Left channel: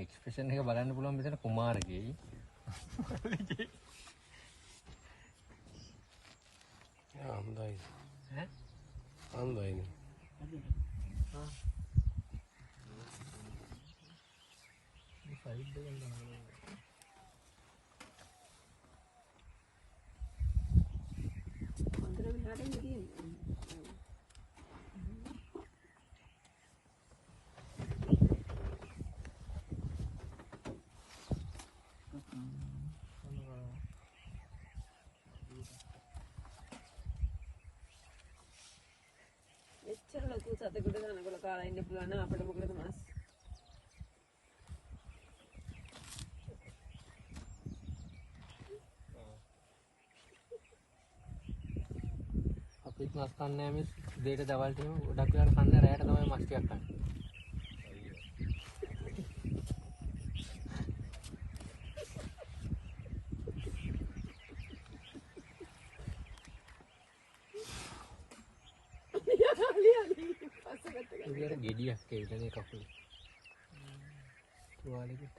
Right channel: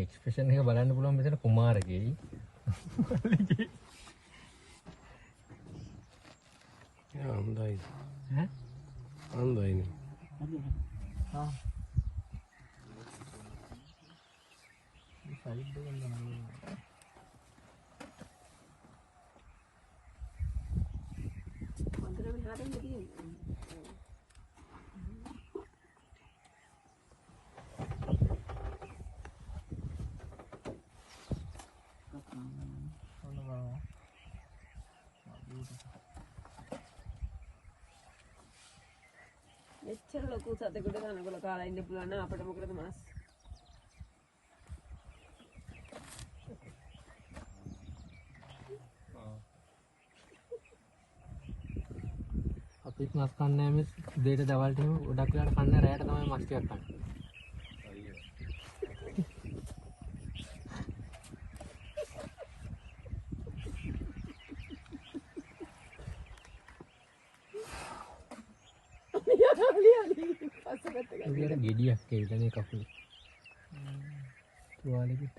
Expression එක බලන්න පුළුවන් මෙතන කුමාරගේ. හොඳයි. හොඳයි. ආ. මෙච්චර ලොකු සතෙකුට කනකොල කාලා ඉන්න පුළුවන් නම් අපිට මොකද මාස් අපිත් මස් කන්නේ මේ දෙයට දවල්ට එහෙම ගොඩක් වෙලාවට කන්න රැයට තමයි මස් ටිකක් කන්නේ. ඒක ගෙඩියක් ඒ කියන්නේ කපුල. තුවාලෙකට